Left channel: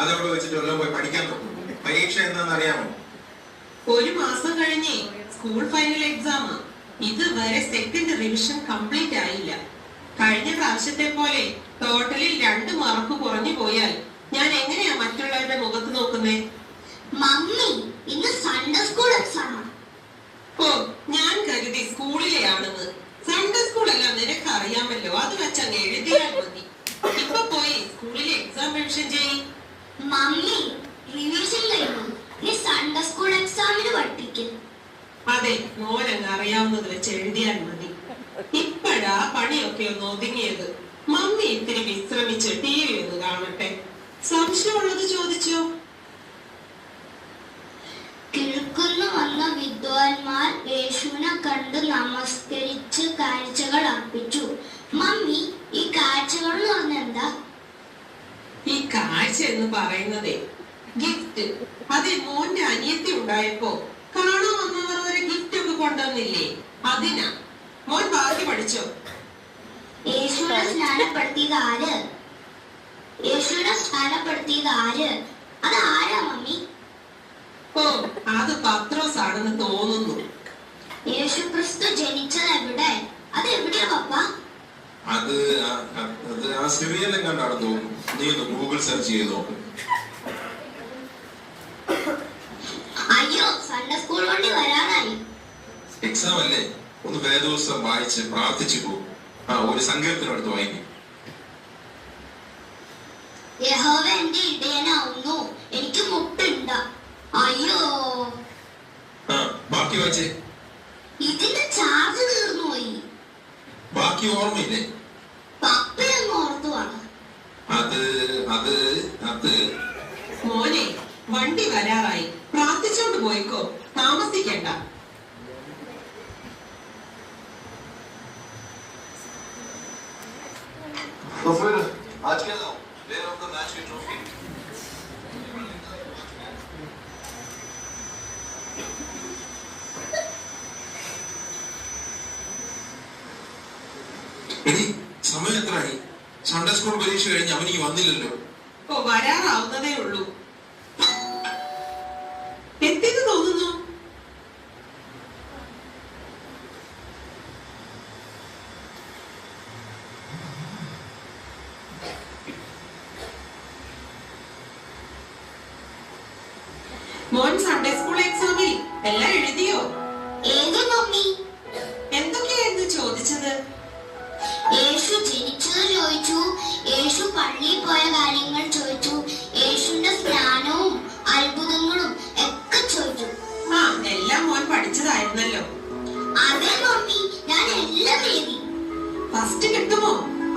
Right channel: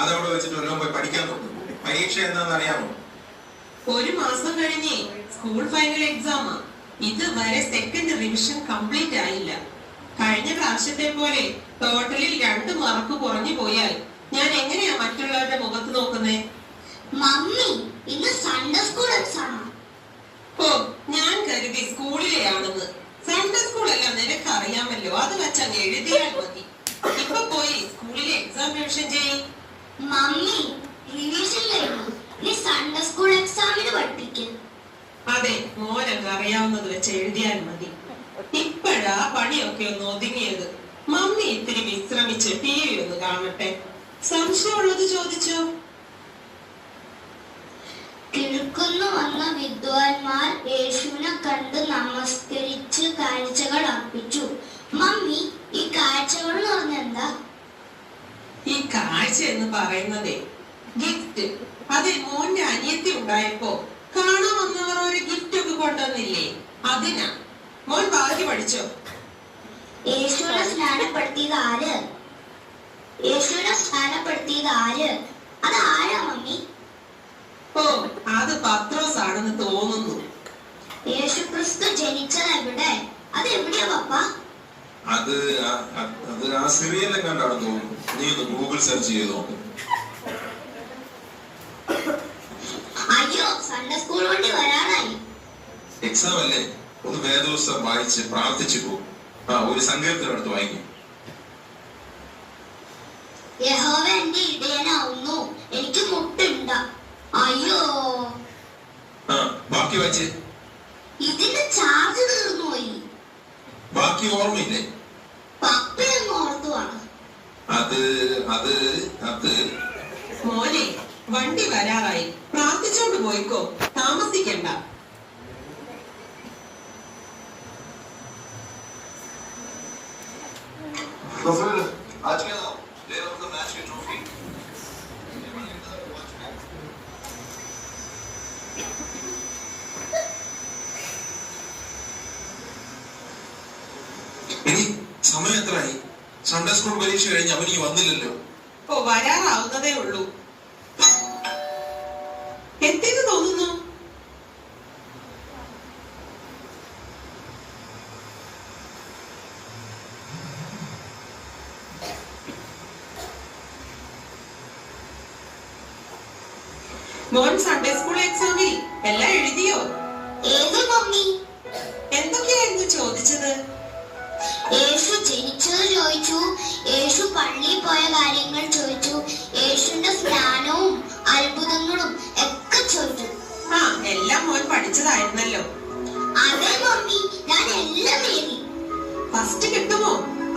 അതവിടെ വെച്ചിട്ട് പോയി പഠിക്കാൻ നോക്കും. പരീക്ഷ എന്താണെന്ന് അറിയാമോ? ഒരു മാസം കഴിഞ്ഞേ സ്കൂൾ ഫൈനൽ എക്സാം. ഇതുവരെ സെക്കൻഡ് റിവിഷൻ കംപ്ലീറ്റ് ആയില്ല. കഴിഞ്ഞ പ്രാവശ്യത്തെ പോലെ ടോട്ടലിൽ 2 മാർക്ക് കുറഞ്ഞു പോയാൽ ഞാൻ എങ്ങനെയാ മറ്റുള്ളവരുടെ മുഖത്ത് നോക്കുന്നേ? മമ്മി, ഇന്ന് സൺഡേ സ്കൂൾ എക്സാം. ഓ, ഞാൻ കരുതി സ്കൂളിലെയാണെന്ന്. സൺഡേ സ്കൂൾ അല്ല, നിനക്ക് അറിയാമല്ലോ. അത് വെച്ചങ്ങ് എഴുതിയാൽ മതി. ഇപ്പൊ പോയി സ്കൂളിലെ എക്സാം റിവിഷൻ ചെയ്യും. മമ്മി, റിവിഷൻ കഴിഞ്ഞു. നീ സൺഡേ സ്കൂൾ എക്സാമിന് പഠിപ്പിക്കും. അതെ, മോനങ്ങ് അറിയാവുന്നത് വെച്ച് എഴുതിയാൽ മതി. ഇപ്പഴാ പണിയൊക്കെ ഒന്ന് ഒതുങ്ങിയത്. മമ്മി ഇത്തിരി വിശ്രമിച്ച് TV ഒന്ന് കാണട്ടെ. സംശയമുള്ളത് ചോദിച്ചോ. കിഴക്കുന്നു വന്ന വിദ്വാൻമാർ യേശുവിനെ കണ്ട് നമസ്കരിച്ച് കാഴ്ചകൾ അർപ്പിച്ചു. മമ്മി, ഈ കാഴ്ചകൾ എന്ന് പറഞ്ഞെന്താ? ഈ കാഴ്ച എന്ന് പറയുന്നതേ ഗിഫ്റ്റ്. അതെ, മോന്റെ അനിയത്തി ഉണ്ടായപ്പോ കാണാൻ വന്നവർ ഒരു ഗിഫ്റ്റ് ഒക്കെ കൊണ്ടുവന്നില്ലേ, അതിനാ. മോൻ പറഞ്ഞു പഠിച്ചോ? യേശുവിനെ സ്നാനപ്പെടുത്തിയത് ആര്? യേശുവിനെ സ്നാനപ്പെടുത്തിയത് ആര്? അത് ആരാ മമ്മി? ഓ, അത് പത്രോസ് ആണെന്ന് തോന്നുന്നു. യേശു ക്രിസ്തു ജനിച്ചത് എവിടെ? അത് എവിടെയാ പപ്പ? അത് ആ സിറിയയിലും കണ്ടാണെന്ന് തോന്നുന്നു. നീ ഒന്ന് ഗൂഗിൾ സെർച്ച് ചെയ്ത് നോക്ക്. അയ്യോ, സൺഡേ സ്കൂൾ വണ്ടി വരാനായി. എക്സാം അല്ലേ, ഒന്ന് വേദോത്സവം വായിച്ച് പ്രാർത്ഥിച്ചു പോകും. ഒരു സങ്കീർത്തനടുത്ത് വായിക്കും. യഹോവ എന്റെ ഇടയനാവുന്നു, എനിക്ക് മുട്ടുണ്ട. അയ്യോ, ബാക്കി വായിച്ചേ. ഇതിന്റെ ചാർജ് തീർന്നു പോയി. ബാക്കി ഓർമ്മയില്ലേ? പപ്പയെന്ന് ഓർത്തുവാണ്. മോനെ, വണ്ടി വരാറായി. പ്രാർത്ഥിച്ചോണ്ട് പോയിക്കോ, താമസിക്കണ്ട. ഇനി സമയം എത്രയായി? സൺഡേ സ്കൂൾ പരീക്ഷ കഴിഞ്ഞ് അവനീ വന്നില്ലല്ലോ. ഓ, വരാറാവുന്നതേ ഉള്ളൂ. എത്തിന്ന് തോന്നുന്നു. മോൻ സൺഡേ സ്കൂൾ എക്സാമിൽ എല്ലാം എഴുതിയോ? ഏത് മമ്മി? എന്തൊക്കെയായിരുന്നു ചോദിച്ചത്? യേശു ജനിച്ചത് ചോദിച്ചു, യേശു പള്ളിയിൽ പോയ കാര്യങ്ങൾ ചോദിച്ചു, യേശുവിന്റെ സ്നാനവും അത്ഭുതങ്ങളും ഒക്കെ ചോദിച്ചു. എല്ലാം മോൻ പഠിച്ചതായിരുന്നല്ലോ. അതെ മമ്മി, ഞാൻ എല്ലാം എഴുതി. ഫസ്റ്റ് കിട്ടുമോ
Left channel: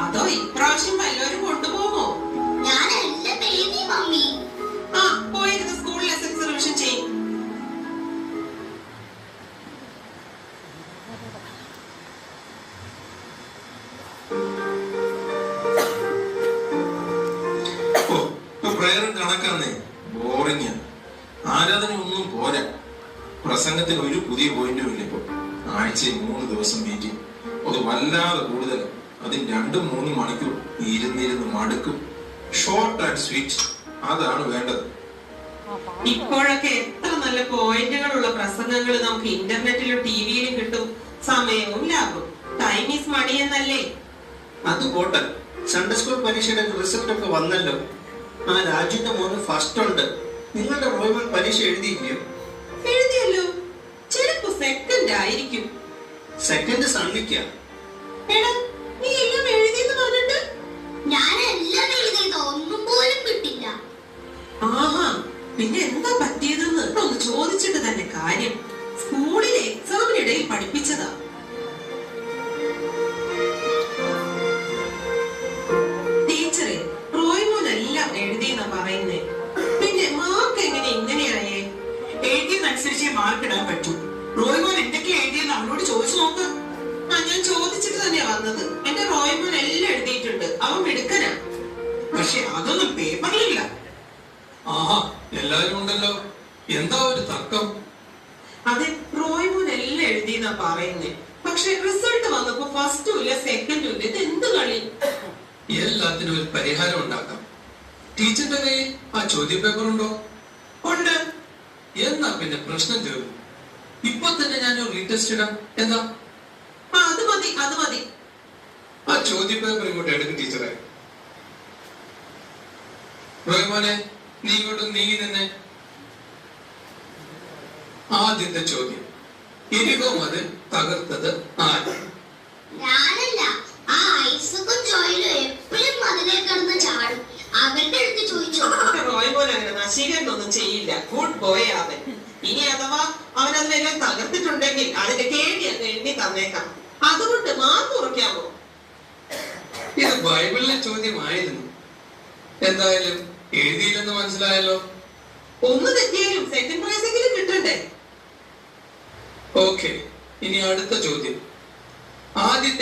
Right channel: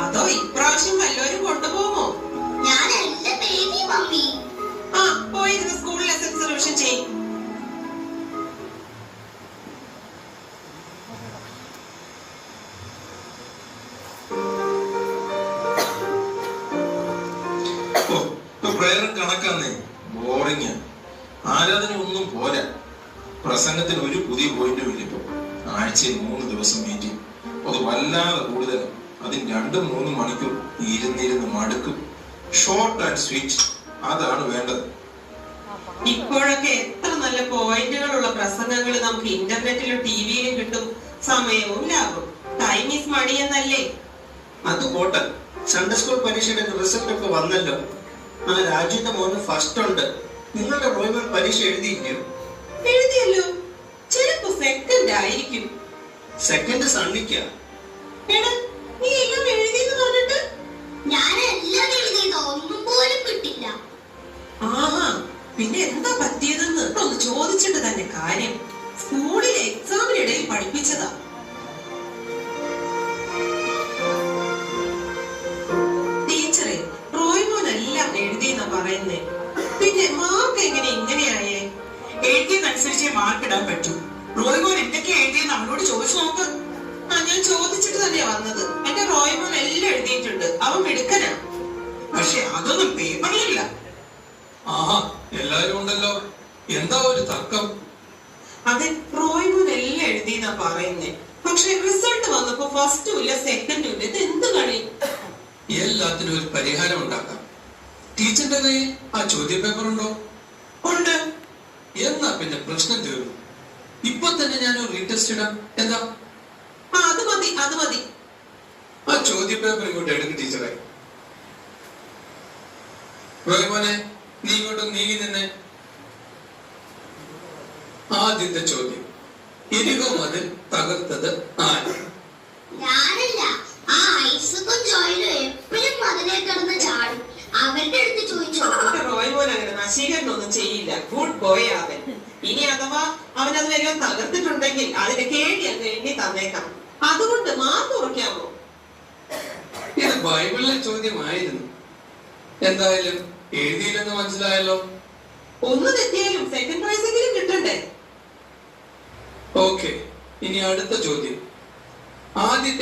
അതോ ഇപ്രാവശ്യം വല്ലവരും കൊണ്ടുപോകുമോ? ഞാൻ എല്ലാം എഴുതി മമ്മി. പോയിരുന്ന സ്കൂൾ ലെസൺസ് റിവിഷൻ ചെയ്യും. പ്രയറും കണക്കാന്നേ, ബോറിങ്. ആരാധന ഒന്നും പോരാ. പ്രസംഗത്തിന് ഒരു പുതിയ പോയിന്റും ഇല്ല. ഇപ്പൊ ആഴ്ചയിൽ 3 ദിവസം മീറ്റിംഗ്. അത് വല്ലാതെ കൂടുതൽ. അതിന് 2-3 മണിക്കൂർ ഇരുന്നിരുന്ന് മടുക്കും. ഷോർട്ട് ആൻഡ് സ്വീറ്റ്, അതാണ് വേണ്ടത്. ഇപ്പോഴൊക്കെ എത്ര നല്ല പോയിന്റുകളുള്ള പ്രസംഗങ്ങൾ നമുക്ക് ഇന്റർനെറ്റിലും ടിവിയിലും കിട്ടും. സമയവും ലാഭം. ടൈം ഈസ് മണി എന്നല്ലേ? അത് പോട്ടെ, സൺഡേ സ്കൂൾ പരീക്ഷയുടെ റിസൾട്ട് ഒക്കെ വന്നല്ലോ. രാജ്യത്തെ മോന് ഫസ്റ്റ് ഉണ്ട്. നിങ്ങളുടെ റോയ്മൻ പരീക്ഷ എഴുതിയില്ലയോ? എഴുതിയല്ലോ. ചിലപ്പോ സെക്കൻഡ് ആയിരിക്കും. സെക്കൻഡ് സണ്ണിക്ക. നീ എല്ലാം എഴുതിയെന്ന് പറഞ്ഞിട്ട്? ഞാൻ എല്ലാം എഴുതിയത്, ഒന്നും പോലും കിട്ടില്ല. പിന്നെ എന്താ പറ്റിയതെന്ന് ഒന്ന് ചോദിച്ചിട്ട് തന്നെ കാര്യം. സ്കൂളിലെ എക്സാമിനിടയിൽ പഠിപ്പിച്ചതാ. ടീച്ചറെ, റോയ്മോനെല്ലാം എഴുതിയെന്നാ പറയുന്നേ. പിന്നെ മാർക്ക് എങ്ങനെ ഇങ്ങനെയായേ? എഴുതിയതനുസരിച്ചേ മാർക്ക് ഇടാൻ പറ്റൂ. റോയ്മോൻ എന്തൊക്കെയാ എഴുതിയെന്ന് അവളോട് ചോദിച്ചു നോക്ക്. ഞാൻ ചോദിച്ചിട്ട് തന്നെയാ വന്നത്. എന്റെ റോയ്മോൻ എല്ലാം എഴുതിയിട്ടുണ്ട്. അവൻ മിടുക്കനാ. പക്ഷെ അതൊന്നും പേപ്പറിലില്ല. എല്ലാരും ഉണ്ടല്ലോ, എന്താ ഒരു തർക്കം? അതെ, റോയ്മോൻ എല്ലാം എഴുതിയെന്നാ പറയുന്നേ. പക്ഷെ റിസൾട്ട് വന്നപ്പോ ഫസ്റ്റും ഇല്ല സെക്കൻഡും ഇല്ല. ഇത് എന്ത് കളി? എല്ലാത്തിനും ഒരു പരിഹാരം ഉണ്ടാക്കാം. ടീച്ചറിന്റെ കയ്യിൽ ആ ചോദ്യ പേപ്പർ ഉണ്ടോ? ഉണ്ട്. എന്നാ പിന്നെ പ്രശ്നം തീർന്നു. ഇപ്പൊ തന്നെ ഞാനൊരു റീടെസ്റ്റ് ഇടാം. എന്താ? അത് മതി, അത് മതി. ആ ചോദ്യ പേപ്പർ ഇങ്ങോട്ട് എടുക്കും ടീച്ചറെ. റോയ്മോനെ, നീ ഇങ്ങോട്ട് നീങ്ങി തന്നെ. ആദ്യത്തെ ചോദ്യം, ഇരികോ മതിൽ തകർത്തത് ആര്? ഞാനല്ല. ആ ഐസക്കും ജോയിലും എപ്പോഴും മതിലേ കിടന്ന് ചാടും. അവരുടെ അടുത്ത് ചോദിച്ചോ. റോയ്മോൻ അങ്ങനെ നശീകരണമൊന്നും ചെയ്യില്ല. ഗുഡ് ബോയ് അവൻ. ഇനി അഥവാ അവൻ അതിനെല്ലാം തകർത്തിട്ടുണ്ടെങ്കിൽ അതിന്റെ കേടി അങ്ങ് എണ്ണി തന്നേക്കാം. അതുകൊണ്ട് മാർക്ക് കുറയ്ക്കാമോ? ഇത് ബൈബിളിലെ ചോദ്യമായിരുന്നു. എന്തായാലും എഴുതിയില്ലെന്ന് മനസ്സിലായല്ലോ. ഒന്ന് തെറ്റിയാലും സെക്കൻഡ് പ്രൈസെങ്കിലും കിട്ടണ്ടേ? ഓക്കെ, ഇനി അടുത്ത ചോദ്യം. ആദ്യത്തെ